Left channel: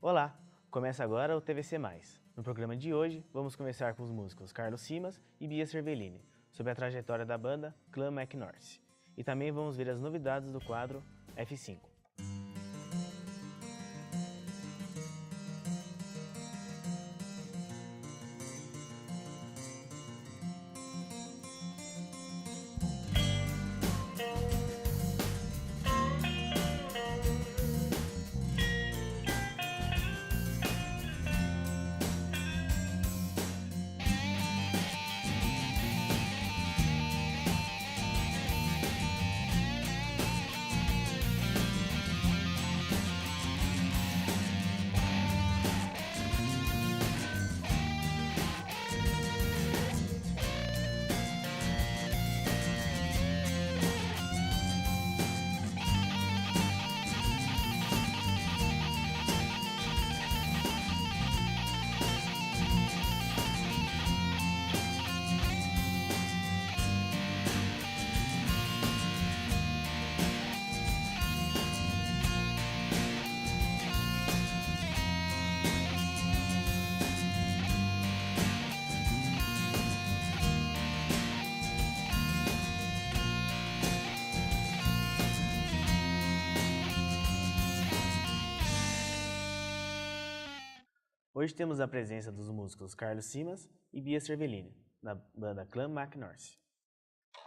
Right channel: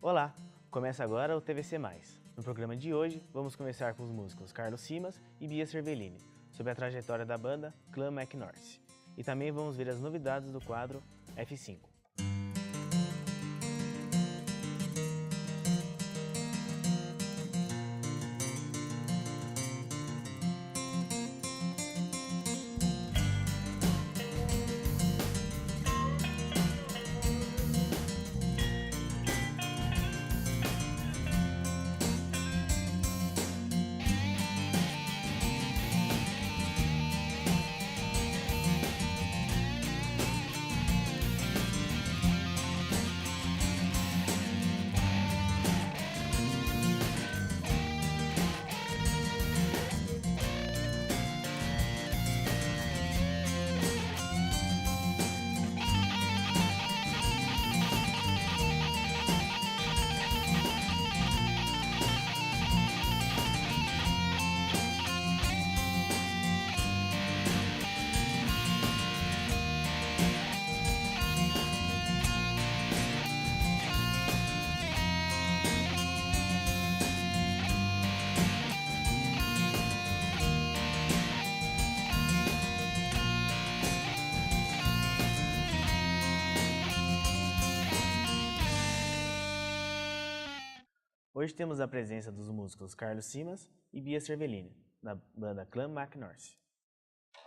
Olá! Começa agora o TVC+. No programa de hoje, vamos conversar com os músicos Carlos Simas e Bia Cervellini sobre a trajetória da banda Clan McNorth. E também vamos ver as novidades do quadro F5. Hoje temos a presença dos músicos Carlos Simas e Bia Cervellini, da banda Clan McNorth.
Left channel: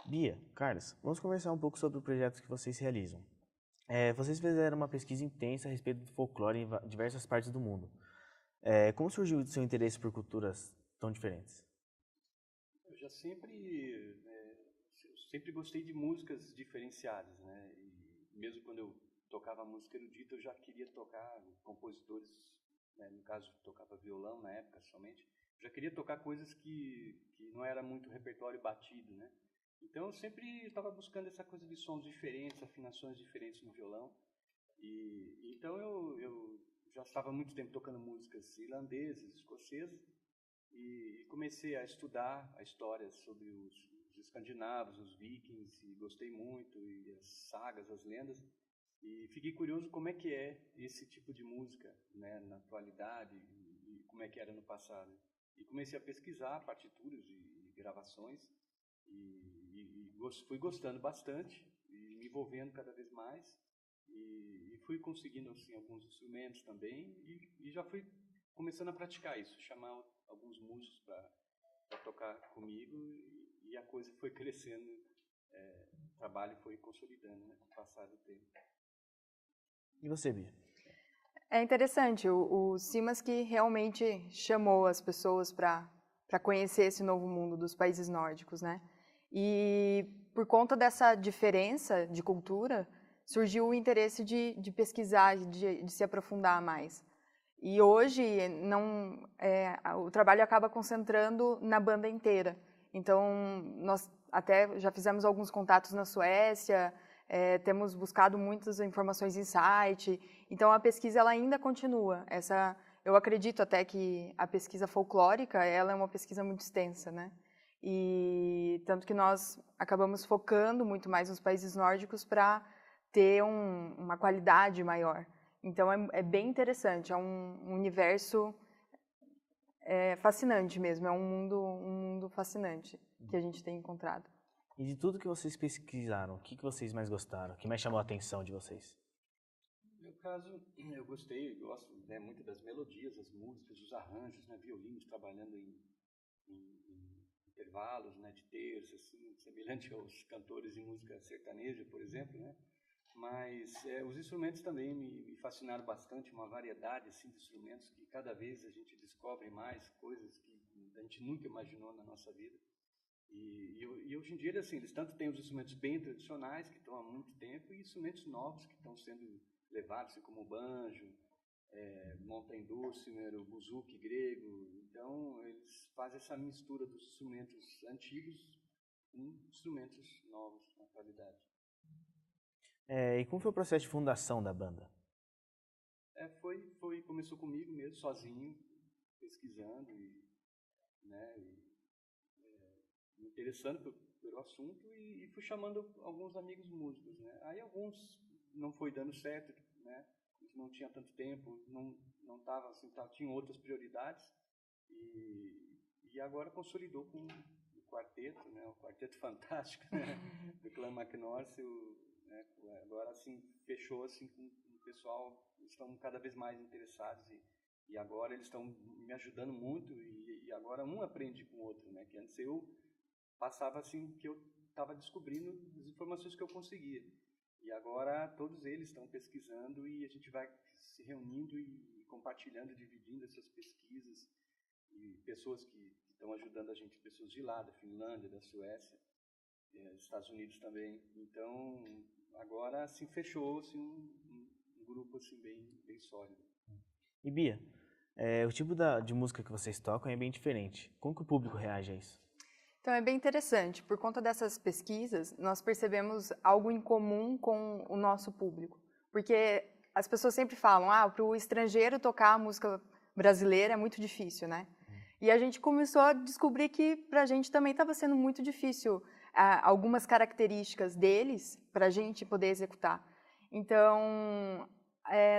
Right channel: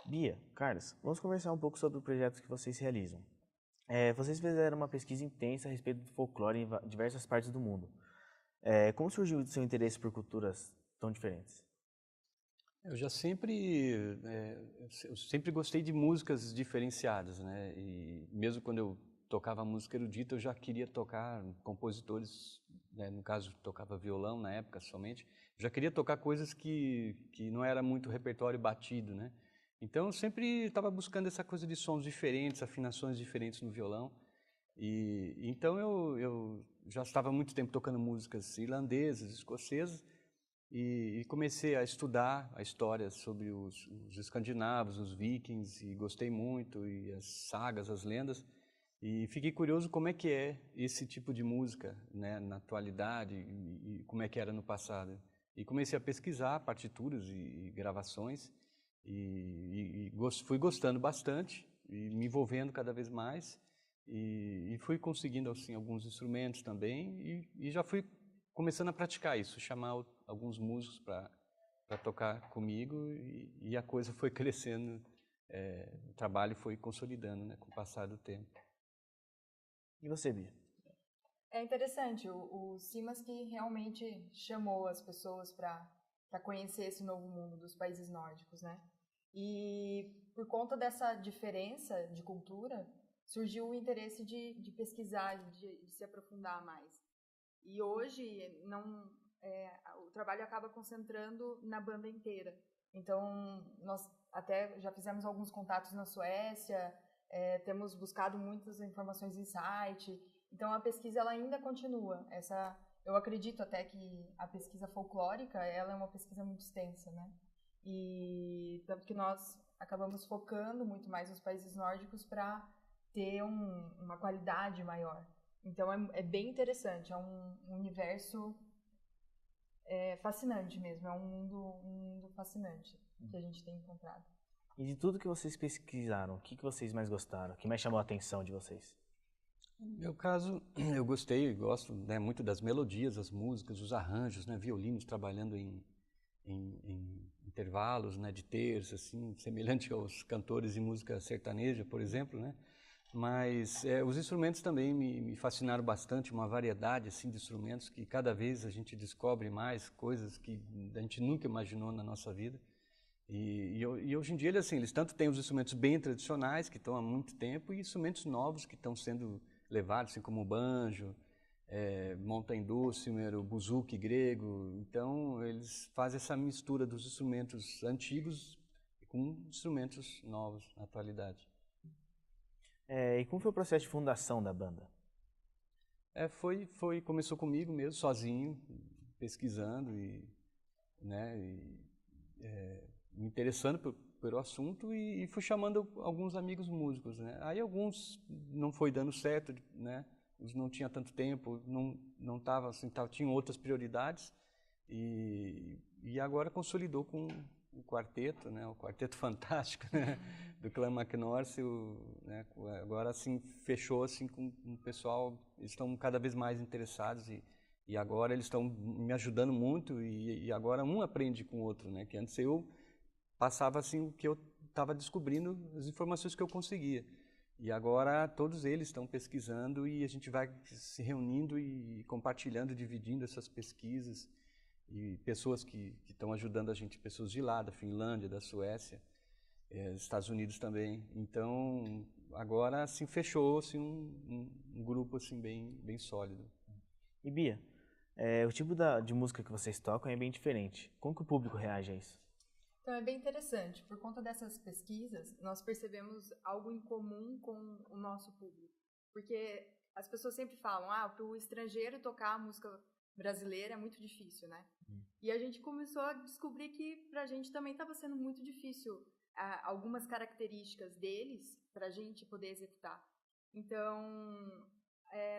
Bia, Carlos, vamos conversar um pouco sobre o projeto que vocês realizam. Vocês fizeram uma pesquisa intensa a respeito do folclore em diversas partes do mundo. Como surgiu o seu interesse por culturas tão diferentes? Eu sempre gostei de músicas diferenciadas, né? E mesmo quando eu tocava música erudita, eu já queria tocar compositores, né? No caso, tocava violão na época somente. Já queria tocar coisas que não era muito repertório batido, né? Então eu sempre estava buscando essa coisa de sons diferentes, afinações diferentes no violão. E então eu já estava há muito tempo tocando músicas irlandesas, escocesas, e comecei a estudar a história sobre os escandinavos, os vikings, e gostei muito, e as sagas, as lendas, e fiquei curioso como é que é esse tipo de música, né, na atualidade, e como é que era no passado. E comecei a pesquisar partituras e gravações, fui gostando bastante, e me envolvendo cada vez mais, e fui conseguindo assim, alguns instrumentos também, e já fui começando a praticar isso, chamar alguns músicos para tocar comigo, e a coisa foi crescendo, o trabalho foi consolidando, né, com o passar do tempo. E você, Bia? É interessante, o Simas que realmente chamou as pessoas para conhecer esse novo mundo dos países nórdicos, né? E por conta dessa diferença de cultura, surgiu o interesse de pesquisar, de se aprofundar mais. E hoje o trabalho acaba concentrando na banda inteira. Então, nós até já fizemos alguns contatos na Suécia, temos buscado muitas informações em site. Então, a pesquisa ela ainda continua. Eu acredito até que a pesquisa folclórica ela é uma pesquisa muito extensa, né? E tanto que nós acabamos focando muito mais nos países nórdicos para ter uma qualidade maior. Então, é bem interessante, é um universo fascinante mesmo, é um mundo fascinante que a gente tem encontrado. E de tudo que vocês pesquisaram, o que vocês mais gostaram? O que mais chamou a atenção de vocês? No meu caso, eu gosto, né, muito das melodias, das músicas, dos arranjos, né, violinos trabalhando em intervalos, né, de terças, assim, semelhante aos cantores de música sertaneja, por exemplo, né? Mas os instrumentos também me fascinaram bastante, uma variedade assim, de instrumentos que cada vez a gente descobre mais coisas que a gente nunca imaginou na nossa vida. E hoje em dia, assim, eles tanto têm os instrumentos bem tradicionais, que estão há muito tempo, e instrumentos novos que estão sendo levados, assim, como o banjo, monta dulcimer, o buzuki grego. Então, eles fazem essa mistura dos instrumentos antigos com instrumentos novos na atualidade. E como foi o processo de fundação da banda? Começou comigo mesmo, sozinho, pesquisando né, me interessando pelo assunto e fui chamando alguns amigos músicos, né? Aí alguns não foi dando certo, né? não tinha tanto tempo, não estava assim, tinha outras prioridades, e agora consolidou com o quarteto, né, o quarteto fantástico, né, do Clã McNorth, né, agora assim fechou assim com o pessoal, estão cada vez mais interessados, e agora eles estão me ajudando muito, e agora um aprende com o outro, né, que antes eu passava assim, que eu estava descobrindo as informações que eu conseguia. E agora todos eles estão pesquisando e a gente vai se reunindo e compartilhando, dividindo essas pesquisas. E pessoas que estão ajudando a gente, pessoas de lá, da Finlândia, da Suécia, dos Estados Unidos também. Então, agora assim, fechou-se um grupo assim, bem sólido. E Bia, o tipo de música que vocês tocam é bem diferente. Como que o público reage a isso? Então, é bem interessante. Por conta dessas pesquisas, nós percebemos algo em comum com o nosso público. Porque as pessoas sempre falam, para o estrangeiro tocar a música brasileira é muito difícil, né? E a gente começou a descobrir que para a gente também estava sendo muito difícil algumas características deles para a gente poder executar. Então,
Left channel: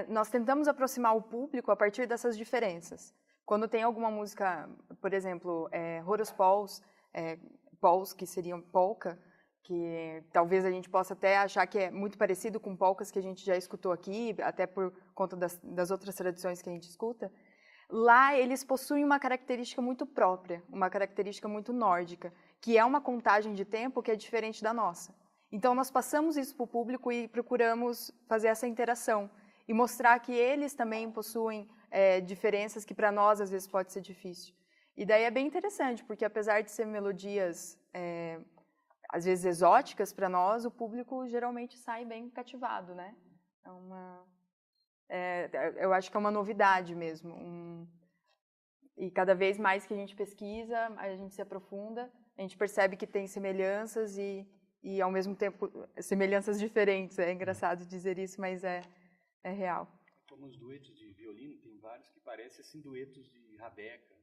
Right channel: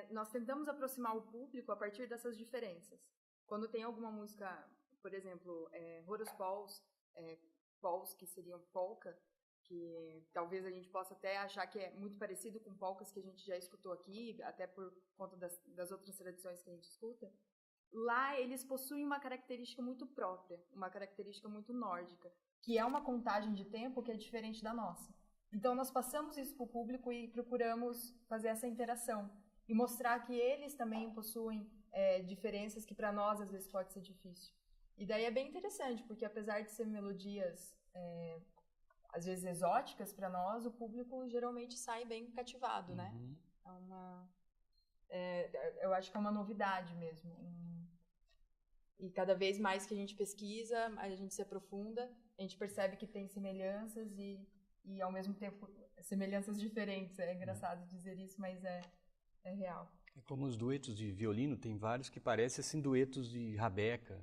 nós tentamos aproximar o público a partir dessas diferenças. Quando tem alguma música, por exemplo, Horace Pauls, que seriam polka, que talvez a gente possa até achar que é muito parecido com polcas que a gente já escutou aqui, até por conta das outras tradições que a gente escuta. Lá eles possuem uma característica muito própria, uma característica muito nórdica, que é uma contagem de tempo que é diferente da nossa. Então nós passamos isso para o público e procuramos fazer essa interação e mostrar que eles também possuem diferenças que para nós às vezes pode ser difícil. E daí é bem interessante, porque apesar de ser melodias às vezes exóticas para nós, o público geralmente sai bem cativado, né? Eu acho que é uma novidade mesmo. E cada vez mais que a gente pesquisa, a gente se aprofunda, a gente percebe que tem semelhanças e ao mesmo tempo semelhanças diferentes. É engraçado dizer isso, mas é real. Como os duetos de violino, tem vários que parecem assim duetos de rabeca.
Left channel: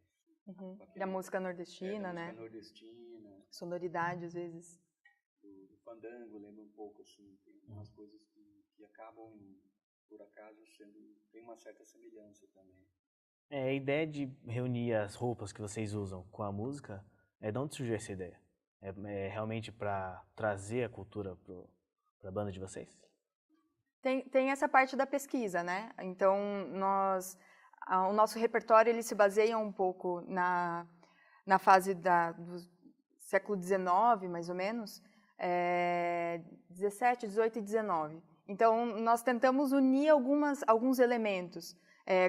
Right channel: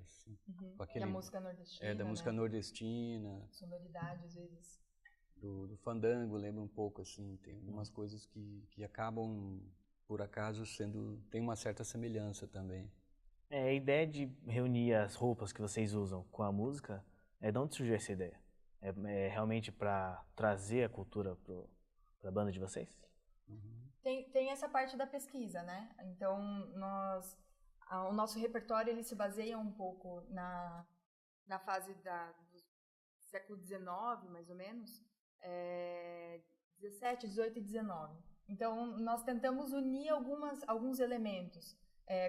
Da música nordestina, né? Música nordestina. Sonoridade, às vezes. Do fandango, lembra um pouco, assim. Tem umas coisas que acabam, por acaso, tem uma certa semelhança também. A ideia de reunir as roupas que vocês usam com a música, de onde surgiu essa ideia? É realmente para trazer a cultura para a banda de vocês? Tem essa parte da pesquisa, né? Então, o nosso repertório ele se baseia um pouco na fase do século XIX, mais ou menos, 17, 18 e 19. Então, nós tentamos unir alguns elementos,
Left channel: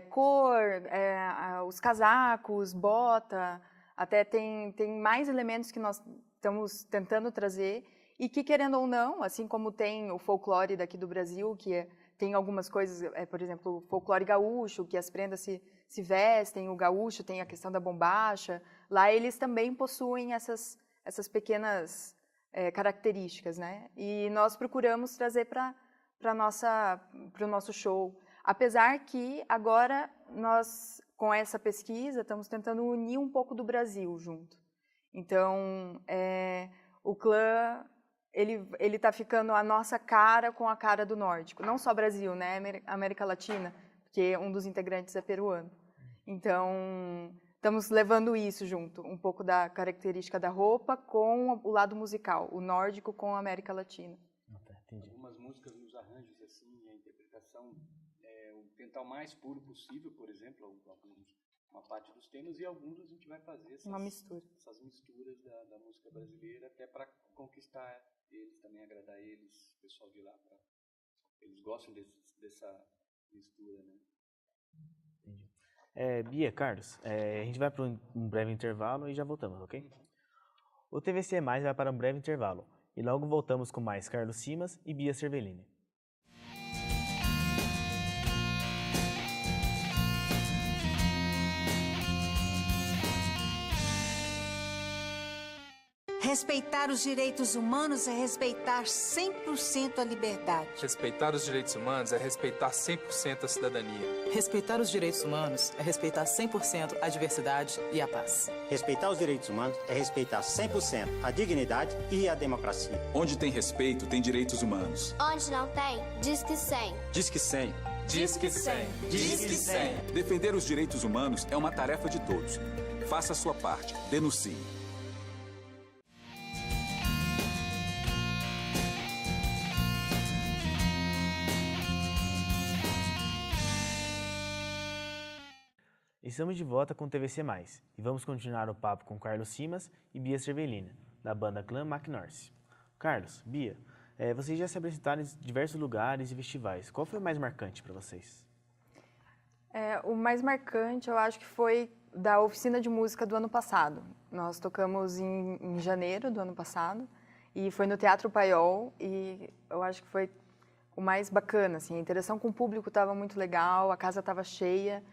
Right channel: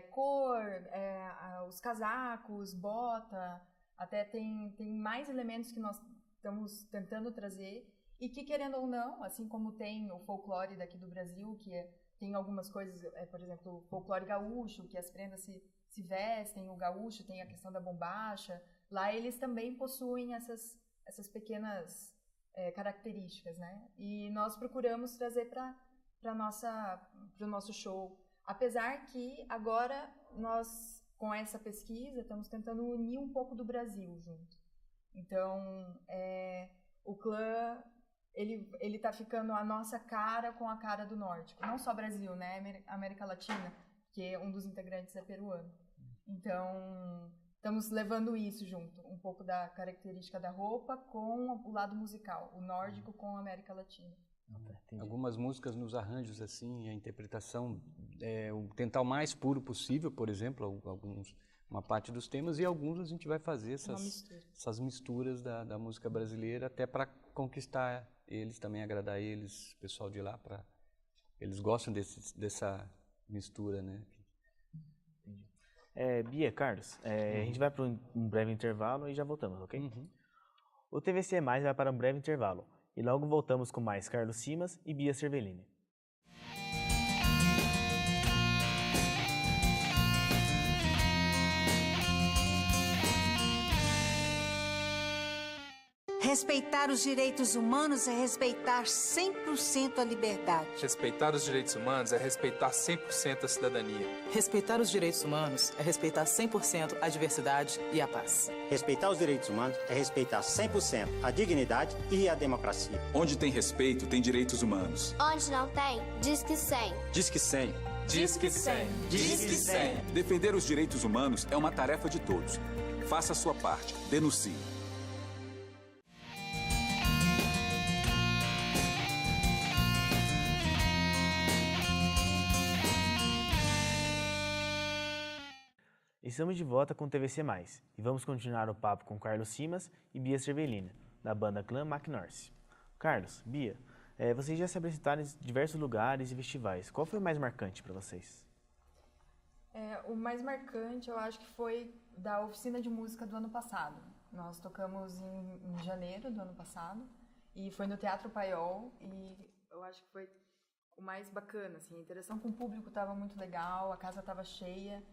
cor, os casacos, bota, até tem mais elementos que nós estamos tentando trazer e que, querendo ou não, assim como tem o folclore daqui do Brasil, que tem algumas coisas, por exemplo, o folclore gaúcho, que as prendas se vestem, o gaúcho tem a questão da bombacha, lá eles também possuem essas pequenas características, né? E nós procuramos trazer para o nosso show. Apesar que agora nós, com essa pesquisa, estamos tentando unir um pouco do Brasil junto. Então, o clã, ele está ficando a nossa cara com a cara do nórdico. Não só Brasil, né? América Latina, porque um dos integrantes é peruano. Então, estamos levando isso junto, um pouco da característica da roupa com o lado musical, o nórdico com a América Latina. Algumas músicas nos arranjos, assim, a interpretação tentar o mais puro possível, por exemplo, uma parte dos temas, e alguns a gente vai fazer essas misturas da música brasileira, até para conquistar eles, também agradar eles, o pessoal de lá, eles gostam dessa mistura, né? Entendi. Bia, Carlos, a gente vai para um breve intervalo e já voltamos, ok? O TVC Mais vai para um breve intervalo e logo voltamos com mais Carlos Simas e Bia Cervellini. Respeitar os direitos humanos é respeitar 100% a liberdade. Respeitar os direitos humanos é respeitar 100% a cidadania. Respeitar os direitos humanos é respeitar 100% a diversidade e a paz. Respeitar os direitos humanos é respeitar 100% a dignidade e a democracia. Onde tem respeito, tem direitos humanos. Onde não tem, diz que 100. Diz que 100. Disque 100. Disque 100. Defender os direitos humanos é uma tarefa de todos. Faça a sua parte. Denuncie. Estamos de volta com o TVC+, e vamos continuar o papo com Carlos Simas e Bia Cervellina, da banda Clan McNorth. Carlos, Bia, vocês já se apresentaram em diversos lugares e festivais. Qual foi o mais marcante para vocês? O mais marcante, eu acho que foi da oficina de música do ano passado. Nós tocamos em janeiro do ano passado, e foi no Teatro Paiol, e eu acho que foi o mais bacana, assim, a interação com o público estava muito legal, a casa estava cheia,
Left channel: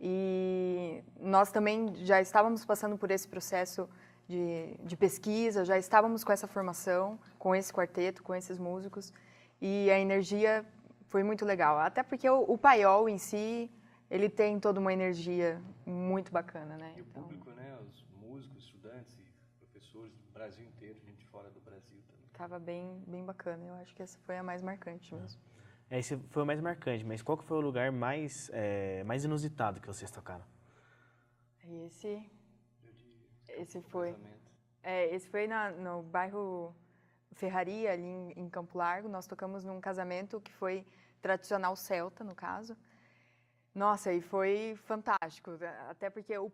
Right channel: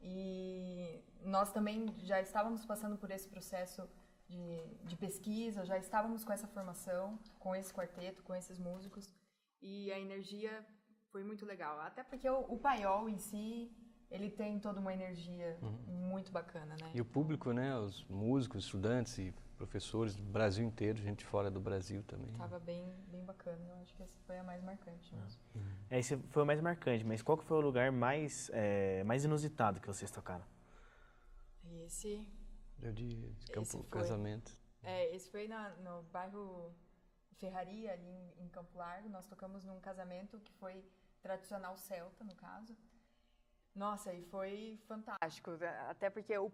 e nós também já estávamos passando por esse processo de pesquisa, já estávamos com essa formação, com esse quarteto, com esses músicos, e a energia foi muito legal. Até porque o Paiol em si, ele tem toda uma energia muito bacana, né? E o público, né? Os músicos, estudantes e professores do Brasil inteiro, gente fora do Brasil também. Estava bem bacana, eu acho que essa foi a mais marcante mesmo. Esse foi o mais marcante, mas qual que foi o lugar mais inusitado que vocês tocaram? Esse foi no bairro Ferraria, ali em Campo Largo. Nós tocamos num casamento que foi tradicional celta, no caso. Nossa, e foi fantástico, até porque o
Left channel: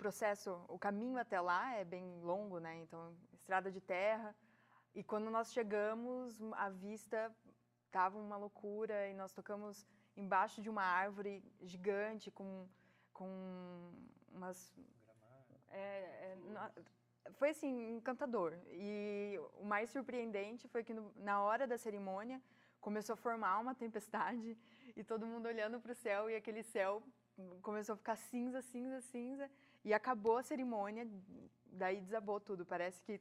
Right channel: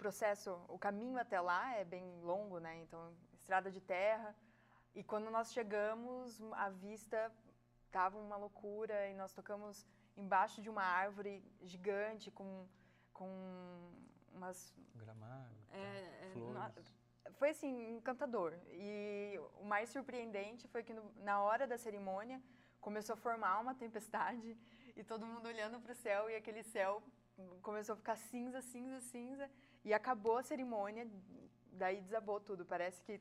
caminho até lá é bem longo, né? Então, estrada de terra. E quando nós chegamos, a vista estava uma loucura, e nós tocamos embaixo de uma árvore gigante com umas... foi assim, encantador. E o mais surpreendente foi que na hora da cerimônia começou a formar uma tempestade e todo mundo olhando para o céu, e aquele céu começou a ficar cinza, cinza, cinza, e acabou a cerimônia, daí desabou tudo. Parece que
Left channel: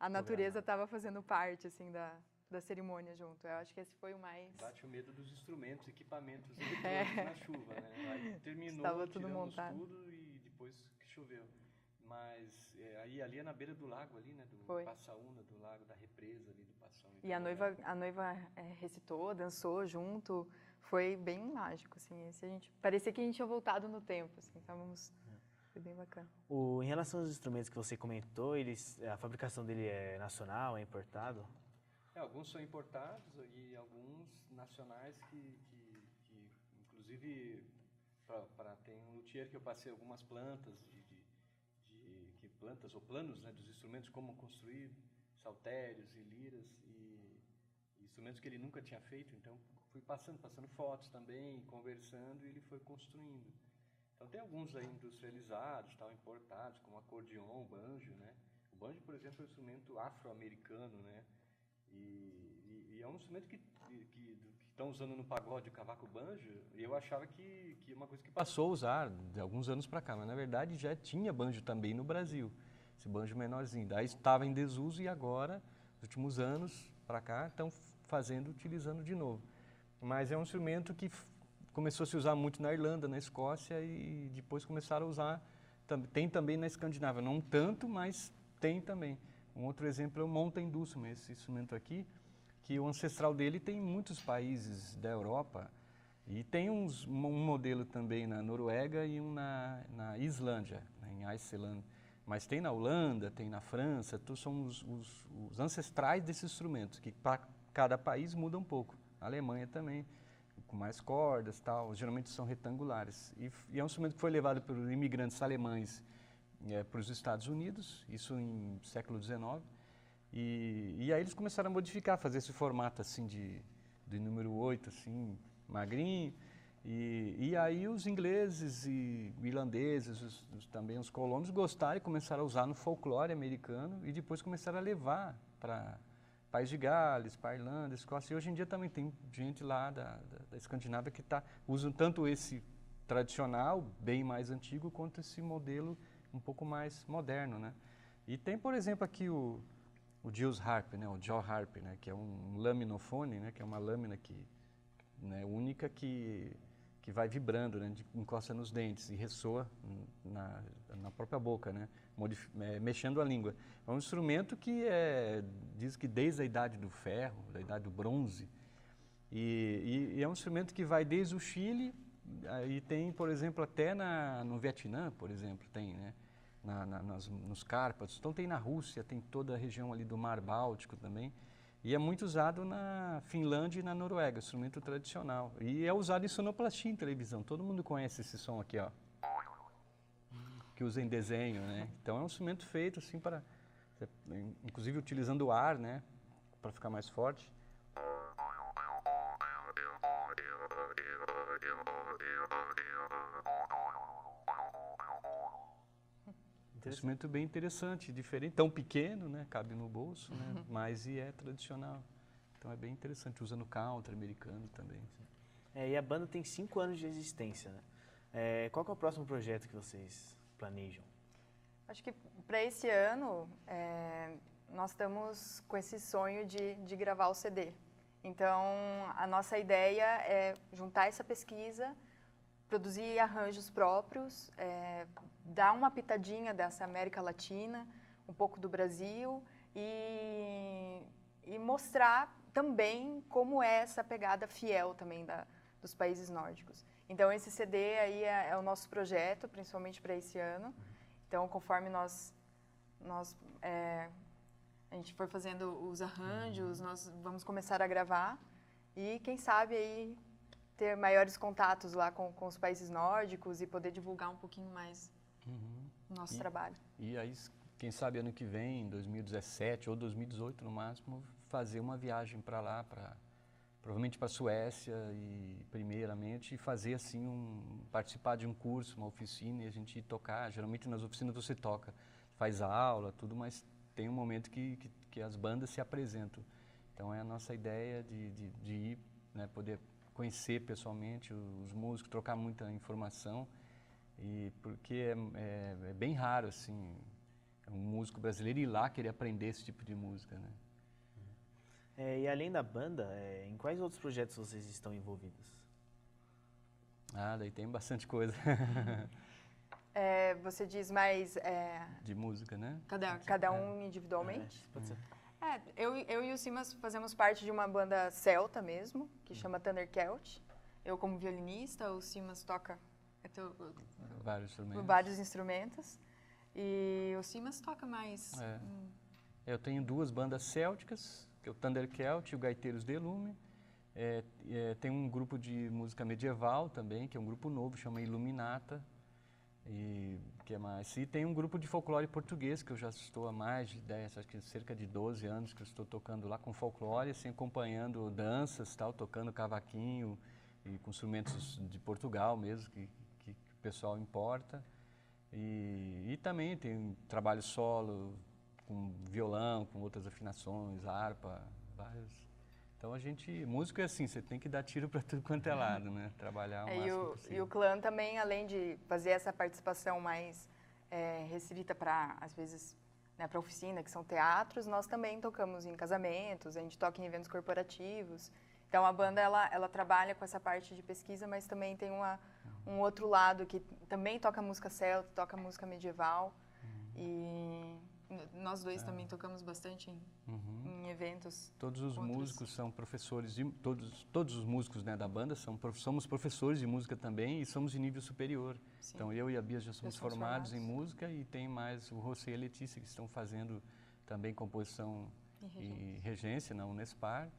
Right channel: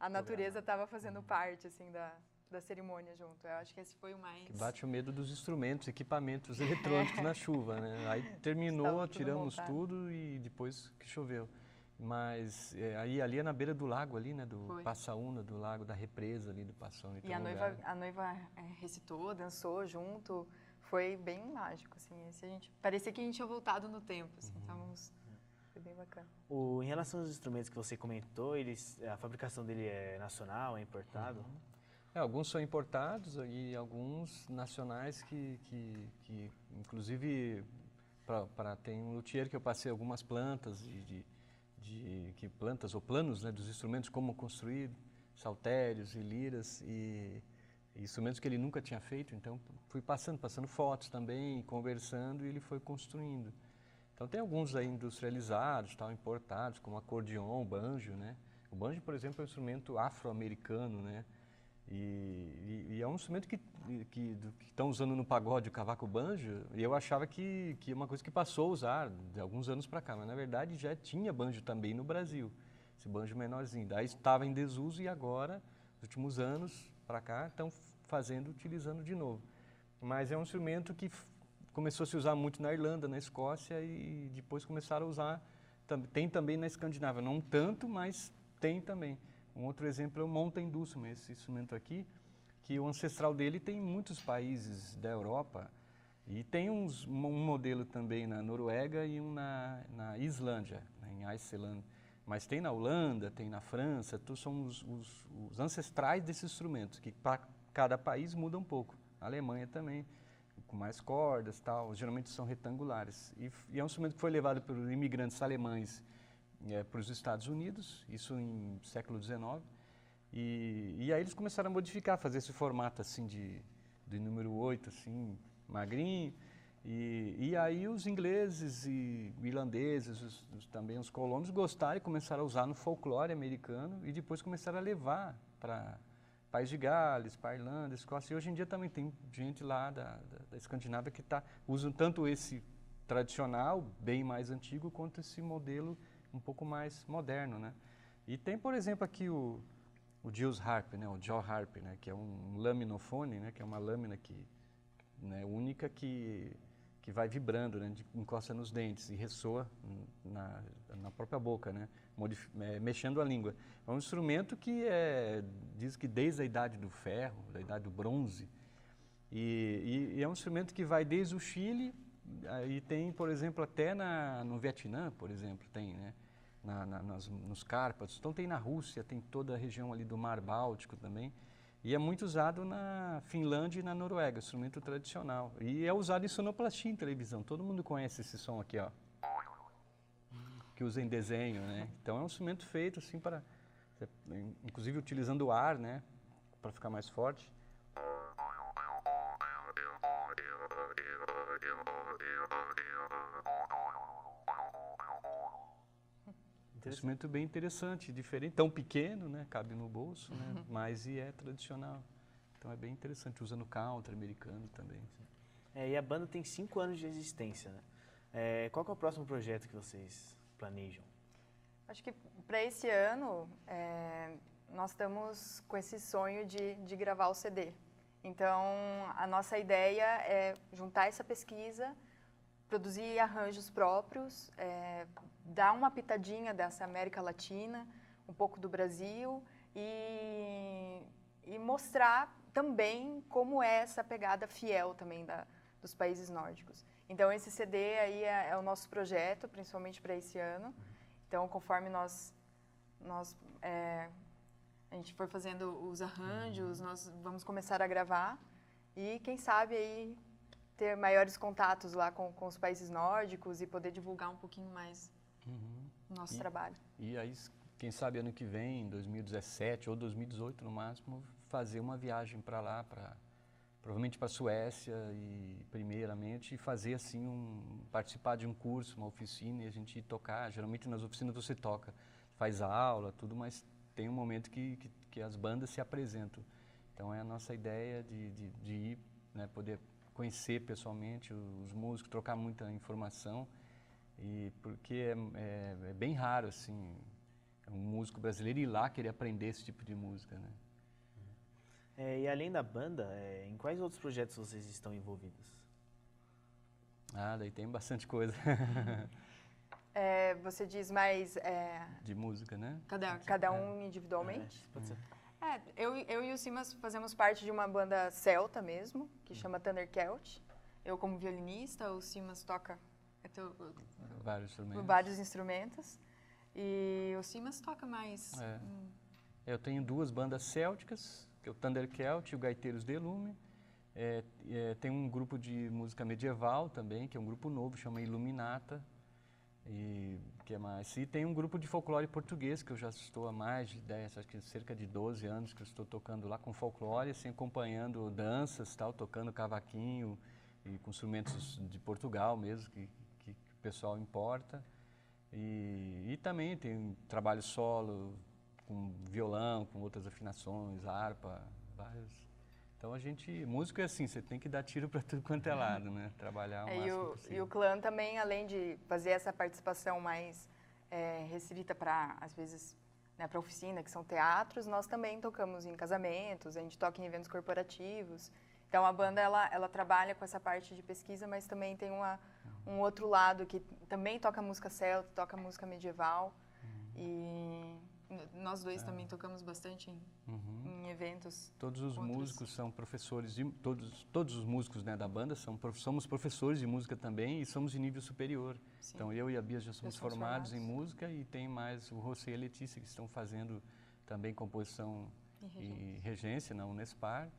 a natureza estava fazendo parte assim da cerimônia junto. Eu acho que esse foi o mais... Bate o medo dos instrumentos, equipamentos eletrônicos na chuva, né? Aí terminou, estava tudo tiramos montado. tudo e depois que choveu. Mas ali é na beira do lago ali, né? Do Passaúna, do lago, da represa ali do Passaúna. E a noiva recitou, dançou junto. Foi bem mágico, assim. Parecia que a gente tinha voltado no tempo, assim. Foi bem bacana. Em relação aos instrumentos que você comentou, a fabricação dele é nacional, é importado? Alguns são importados e alguns nacionais que inclusive, tem um luthier que eu passei algumas plantas plantas ou planos, né, dos instrumentos, como construir saltérios e liras e instrumentos que ele nunca tinha feito. Então fui passando fotos também, conversando, e ele foi construindo. Então tem alguns aí industrializados, importados, como acordeon, banjo, né? O banjo, por exemplo, é um instrumento afro-americano, né? E é um instrumento que estão usando no pagode, o cavaco banjo, e eu achava que é uma coisa que passou a usar de alguns anos para cá, mas na verdade já tinha banjo também no Brasil, esse banjo menorzinho. Daí estava em desuso, e agora, nos últimos anos para cá, estão utilizando de novo. Mas é um instrumento que começou a se usar muito na Irlanda, na Escócia, e depois começaram a usar, tem também na Escandinávia, não tanto, mas tem também. Um outro exemplo é o Mountain Dulcimer, esse instrumento aqui, que o ancestral dele tem em muitos países da Europa, e tem um modelo também na Noruega e um na Islândia, em Iceland. Mas tem na Holanda, tem na França, são os ancestrais desses instrumentos, que para cada país muda um pouco. A Alemanha também, com mais cordas, geralmente são retangulares. E é um instrumento que foi levado por imigrantes alemães para os Estados Unidos, isso em século XIX, e aí eles começaram a modificar, fazer esse formato assim de número 8, assim, magrinho, e aí os ingleses e irlandeses, também os colonos, gostaram e começaram a usar no folclore americano, e depois começaram a levar para País de Gales, para Irlanda, Escócia, e hoje em dia também tem gente lá da Escandinávia que usam tanto esse tradicional, bem mais antigo, quanto esse modelo um pouco mais moderno, né? E tem, por exemplo, aqui o Jules Harp, né? O jaw harp, né? Que é um laminofone, né? Que é uma lâmina única que vai vibrando, né? Encosta nos dentes e ressoa na própria boca, né? Mexendo a língua. É um instrumento que diz que desde a idade do ferro, da idade do bronze, E é um instrumento que vai desde o Chile, e tem, por exemplo, até no Vietnã, por exemplo, tem, né? Nos Cárpatos. Então tem na Rússia, tem toda a região ali do Mar Báltico também. E é muito usado na Finlândia e na Noruega, instrumento tradicional. E é usado em sonoplastia em televisão. Todo mundo conhece esse som aqui, ó. Que usa em desenho, né? Então é um instrumento feito assim para, inclusive utilizando o ar, né? Para ficar mais forte. Um instrumento bem interessante, diferente, tão pequeno, né? Cabe no bolso, né? Mas é tradicional. Então é bem interessante, usa no country americano também. E a banda tem 5 anos de existência, né? Qual que é o próximo projeto que vocês planejam? Acho que para esse ano, nós estamos com esse sonho de gravar o CD. Então, a nossa ideia é juntar essa pesquisa, produzir arranjos próprios, dar uma pitadinha dessa América Latina, um pouco do Brasil e mostrar também como é essa pegada fiel também dos países nórdicos. Então, esse CD aí é o nosso projeto, principalmente para esse ano. Então, conforme a gente for fazendo os arranjos, nós vamos começar a gravar e, quem sabe, aí ter maiores contatos lá com os países nórdicos e poder divulgar um pouquinho mais o nosso trabalho. E aí, quem sabe ano que vem, em 2017 ou 2018 no máximo, fazer uma viagem para lá, provavelmente para a Suécia e primeiramente fazer assim participar de um curso, uma oficina e a gente ir tocar. Geralmente nas oficinas você toca, faz aula, tudo, mas tem um momento que as bandas se apresentam. Então é a nossa ideia de ir, né, poder conhecer pessoalmente os músicos, trocar muita informação, e porque é bem raro assim um músico brasileiro ir lá querer aprender esse tipo de música, né? E além da banda, em quais outros projetos vocês estão envolvidos? Daí tem bastante coisa. Você diz mais... de música, né? Cada um individualmente? Pode ser. Eu e o Simas fazemos parte de uma banda celta mesmo, que chama Thundercelt. Eu como violinista, o Simas toca vários instrumentos. E o Simas toca mais... Eu tenho 2 bandas célticas, que é o Thundercelt e o Gaiteiros de Lume. Tem um grupo de música medieval também, que é um grupo novo, chama Iluminata. E tem um grupo de folclore português, que eu já estou há mais de 10, acho que cerca de 12 anos que eu estou tocando lá com folclore, assim, acompanhando danças, tal, tocando cavaquinho e com instrumentos de Portugal mesmo, que o pessoal importa. E também tem trabalho solo, com violão, com outras afinações, harpa, vários. Então músico é assim, você tem que dar tiro para tudo quanto é lado, né? Trabalhar o máximo possível. E o clã também, além de fazer essa participação mais restrita para, às vezes, né, para oficina, que são teatros, nós também tocamos em casamentos, a gente toca em eventos corporativos. Então a banda ela trabalha com essa parte de pesquisa, mas também tem um outro lado que também toca música celta, toca música medieval. E nós dois também tocamos bastante em eventos. Todos os músicos são professores, todos os músicos, né, da banda somos professores de música também e somos de nível superior. Sim. Então eu e a Bia já somos formados em música e tem mais o José e a Letícia que estão fazendo também composição e regência na Unespar.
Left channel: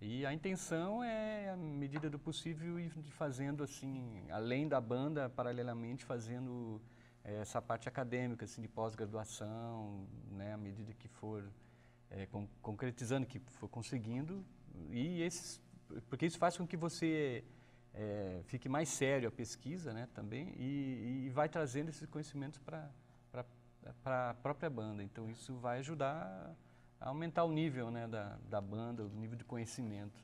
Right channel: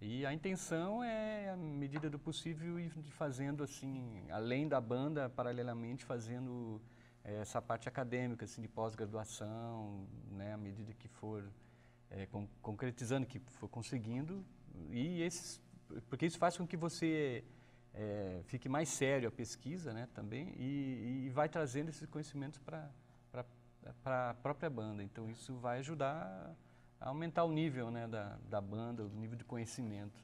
E a intenção é, à medida do possível, ir fazendo assim, além da banda, paralelamente fazendo essa parte acadêmica, assim, de pós-graduação, né, à medida que for concretizando, que for conseguindo, porque isso faz com que você fique mais sério a pesquisa, né, também, e vai trazendo esses conhecimentos para a própria banda. Então isso vai ajudar a aumentar o nível, né, da banda, o nível de conhecimento.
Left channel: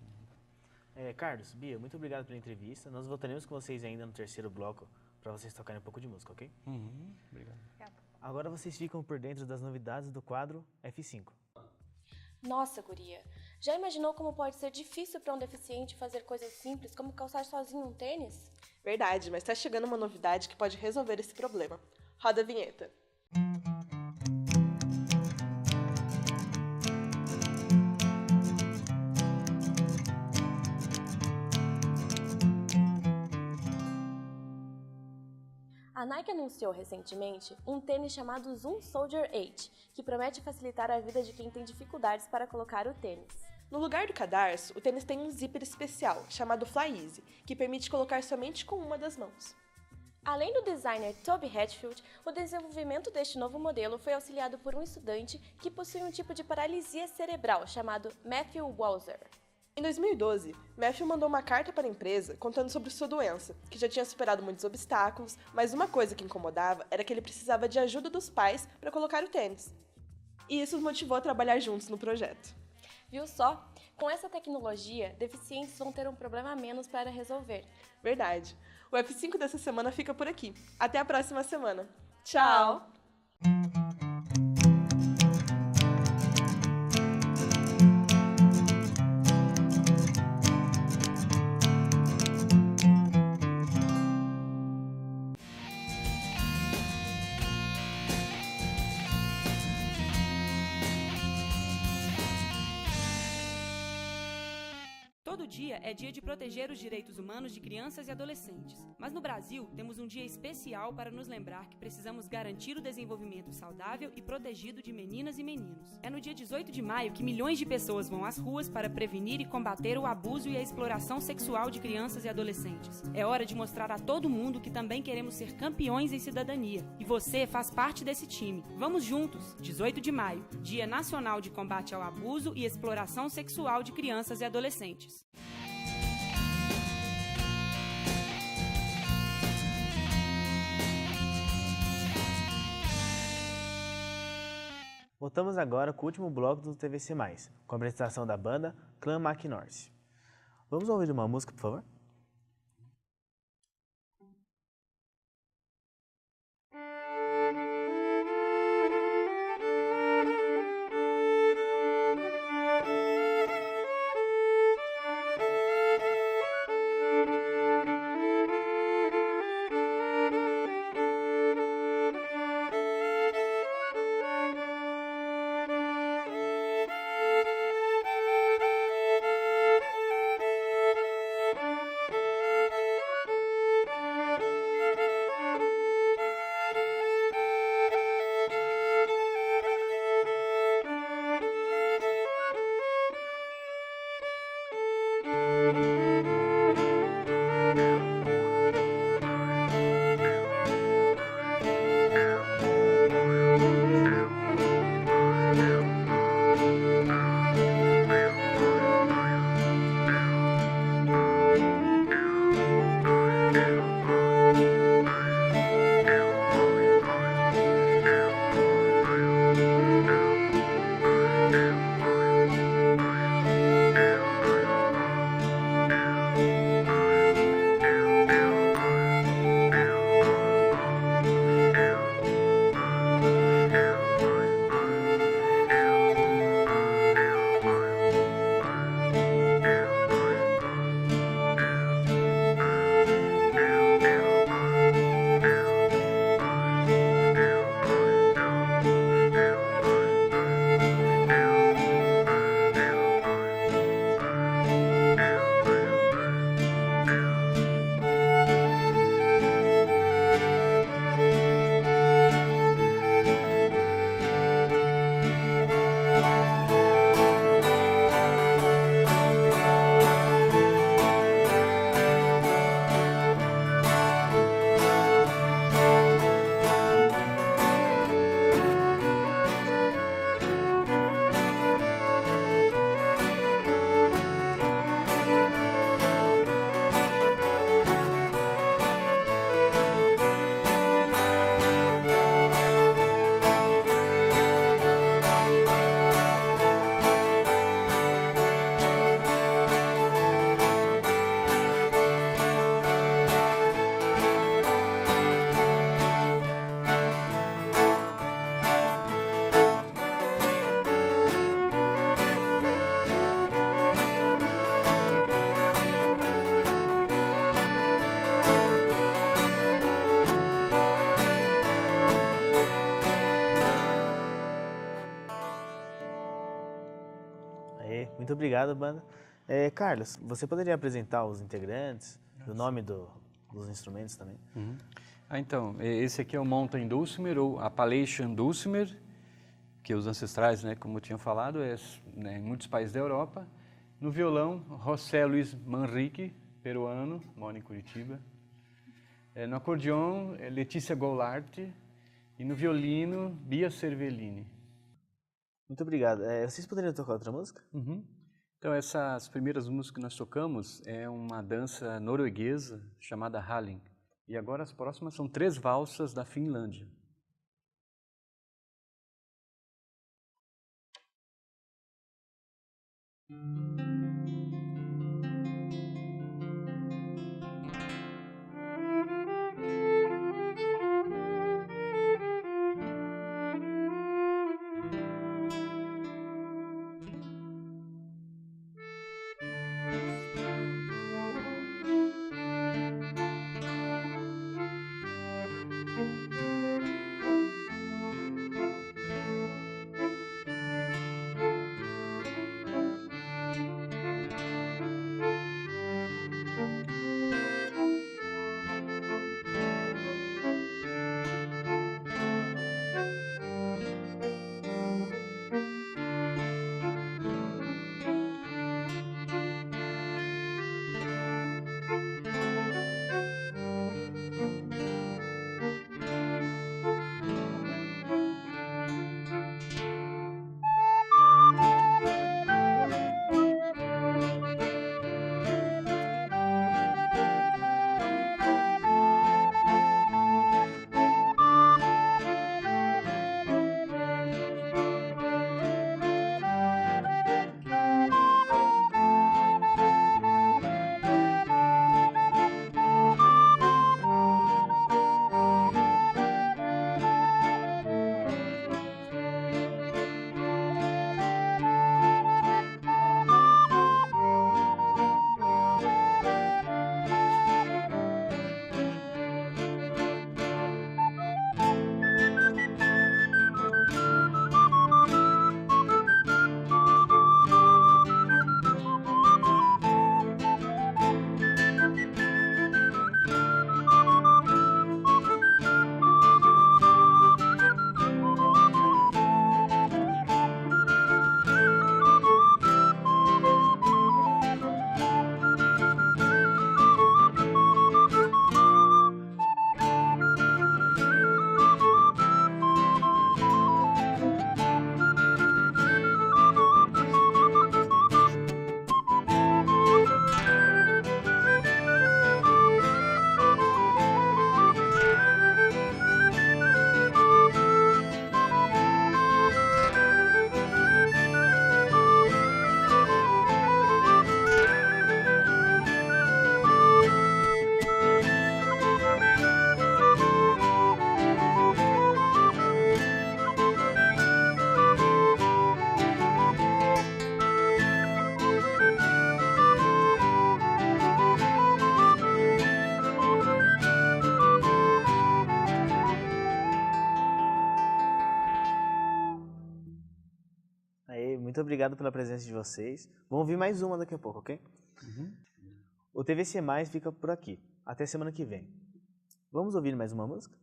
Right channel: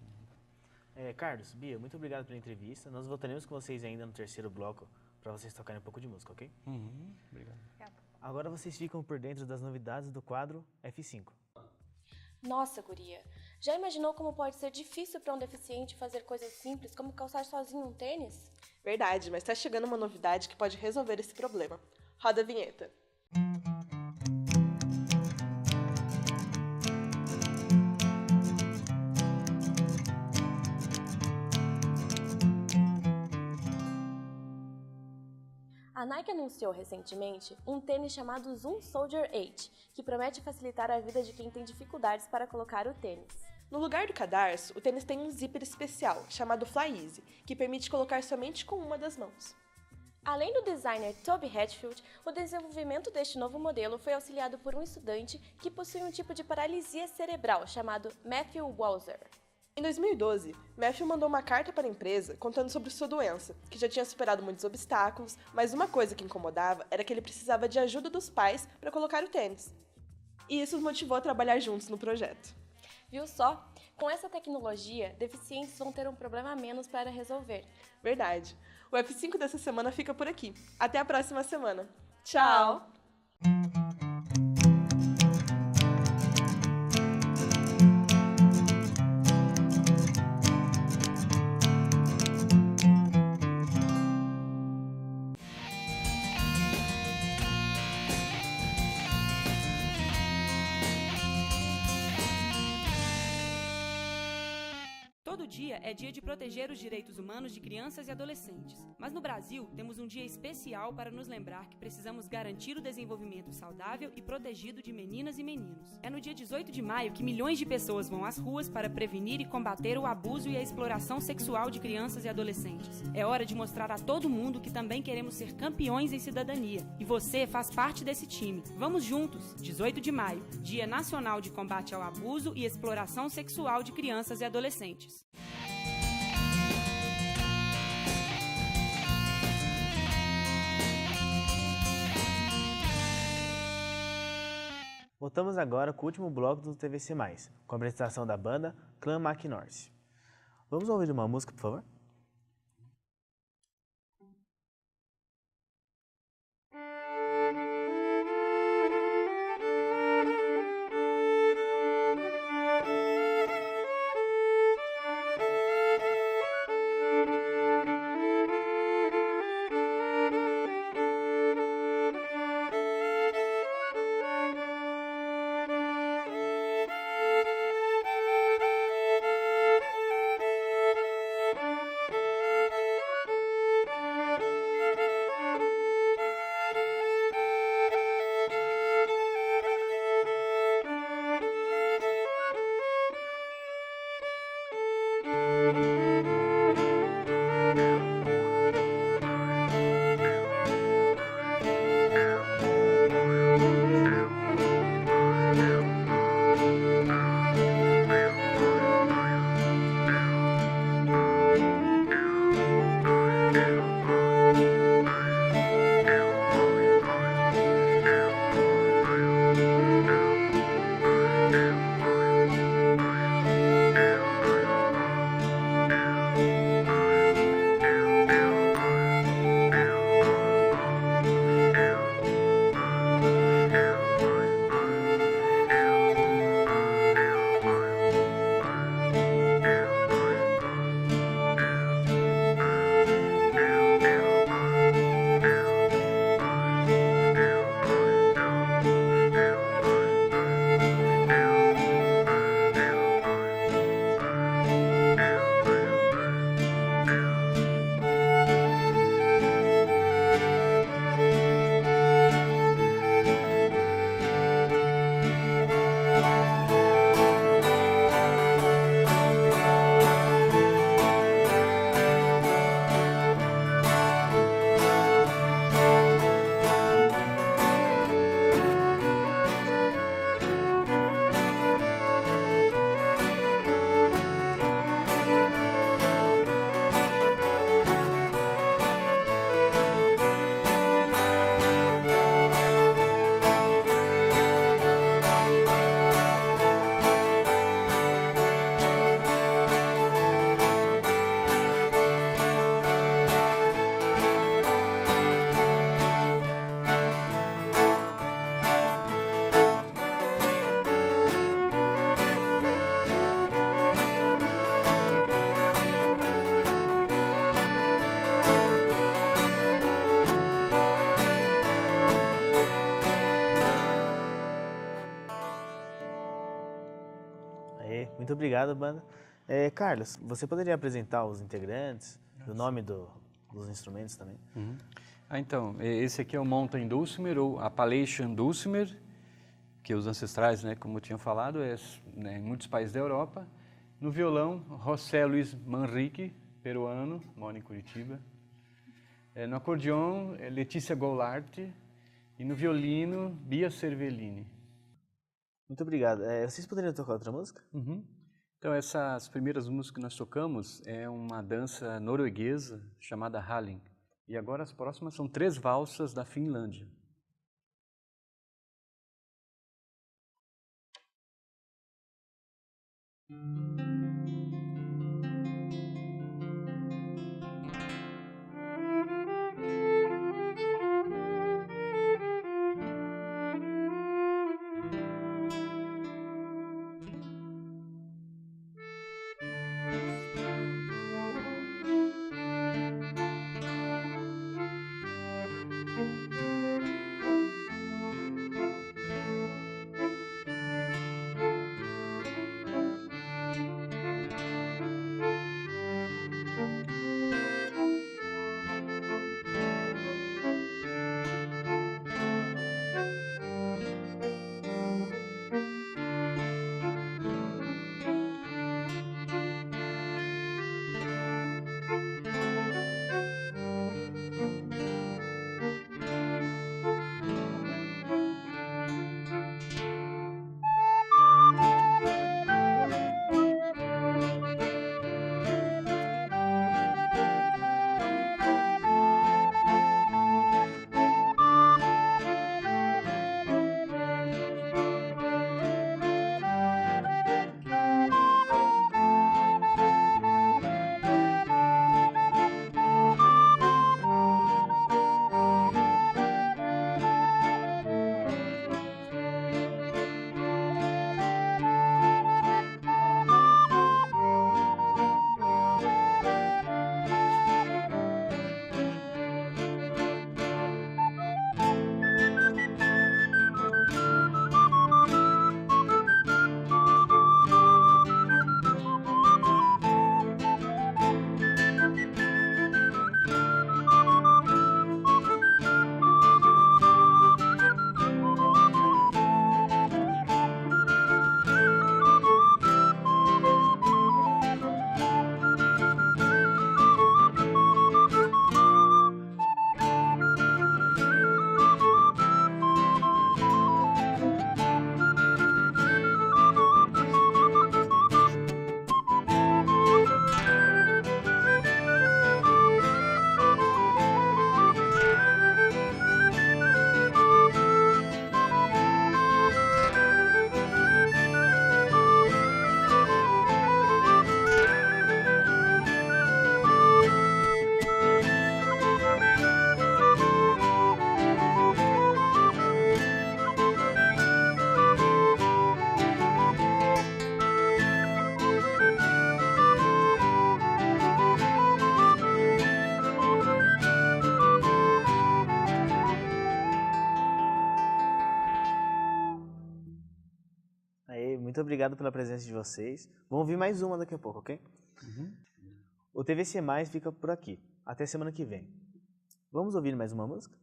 Carlos, Bia, muito obrigado pela entrevista. Nós voltaremos com vocês ainda no terceiro bloco, para vocês tocarem um pouco de música, ok? Obrigado. Agora vocês ficam por dentro das novidades do quadro F5. Nossa, guria, já imaginou como pode ser difícil para um deficiente fazer coisas simples como calçar sozinho um tênis? Verdade, mas tá chegando uma novidade que pode resolver esse problema. Roda a vinheta. A Nike anunciou recentemente um tênis chamado Zoom Soldier 8, que promete facilitar a vida de quem tem dificuldades para colocar o tênis. No lugar do cadarço, o tênis tem um zíper especial, chamado Fly Easy, que permite colocar somente com uma das mãos. Além do designer Toby Hatfield, o desenvolvimento deste novo modelo foi auxiliado por um estudante que possui um tipo de paralisia cerebral chamado Matthew Walser. Em 2012, Matthew mandou uma carta para a empresa contando sobre sua doença, que já tinha superado muitos obstáculos, mas uma coisa que incomodava era que ele precisava de ajuda dos pais para colocar o tênis. E isso os motivou a trabalhar juntos no projeto. Viu só? Com essa tecnologia, deficientes vão ter um problema a menos para resolver. Verdade. O F5 dessa semana fica por aqui. Até a próxima semana. Tchau! Todo dia é dia de proteger os direitos humanos de crianças e adolescentes. Mas no Brasil, temos um dia especial para nos lembrar que precisamos garantir o desenvolvimento saudável e protegido de meninas e meninos. É no dia 18 de maio que milhões de pessoas vão às ruas para prevenir e combater o abuso e a exploração sexual de crianças e adolescentes. É hora de mostrar a todo mundo que também queremos ser campeões em cidadania. E você faz parte desse time. Vamos juntos! 18 de maio, Dia Nacional de Combate ao Abuso e Exploração Sexual de Crianças e Adolescentes. Voltamos agora com o último bloco do TVC+, com a apresentação da banda Clan McNorth. Vamos ouvir uma música, por favor? Muito obrigado, banda. Carlos, você poderia apresentar os integrantes, o nome dos instrumentos também? Então, esse aqui é o Mountain Dulcimer, ou Appalachian Dulcimer, que os ancestrais, né, como eu tinha falado, né, em muitos países da Europa. No violão, José Luiz Manrique, peruano, mora em Curitiba. No acordeão, Letícia Goulart. E no violino, Bia Cervellini. Muito obrigado. Vocês poderiam tocar outra música? Então, essas primeiras músicas que nós tocamos é uma dança norueguesa chamada Halling. E agora as próximas são 3 valsas da Finlândia. Muito obrigado pela presença de vocês. Vamos ouvir mais uma daqui a pouco, ok? O TVC Mais fica por aqui. Até semana que vem. Vamos ouvir mais uma música?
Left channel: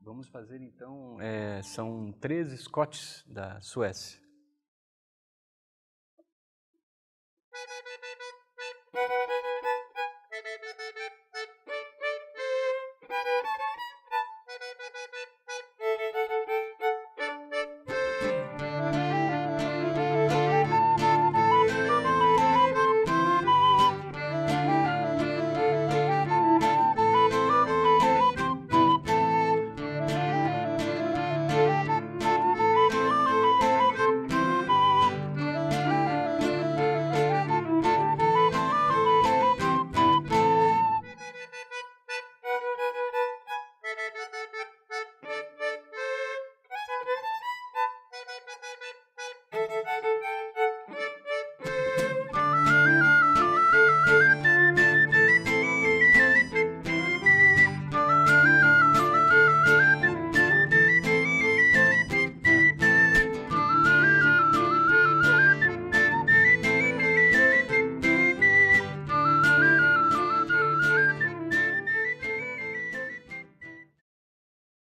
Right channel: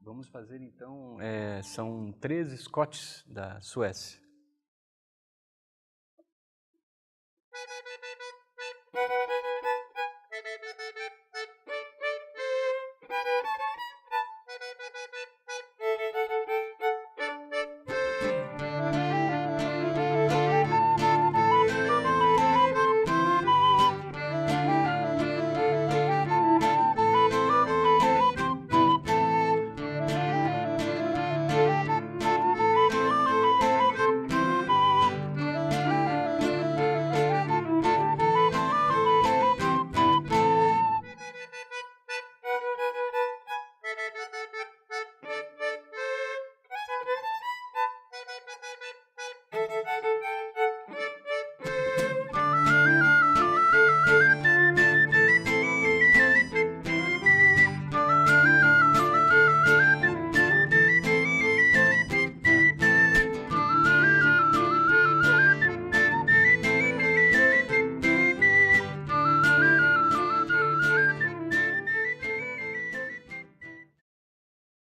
Vamos fazer então, são 3 Scots da Suécia.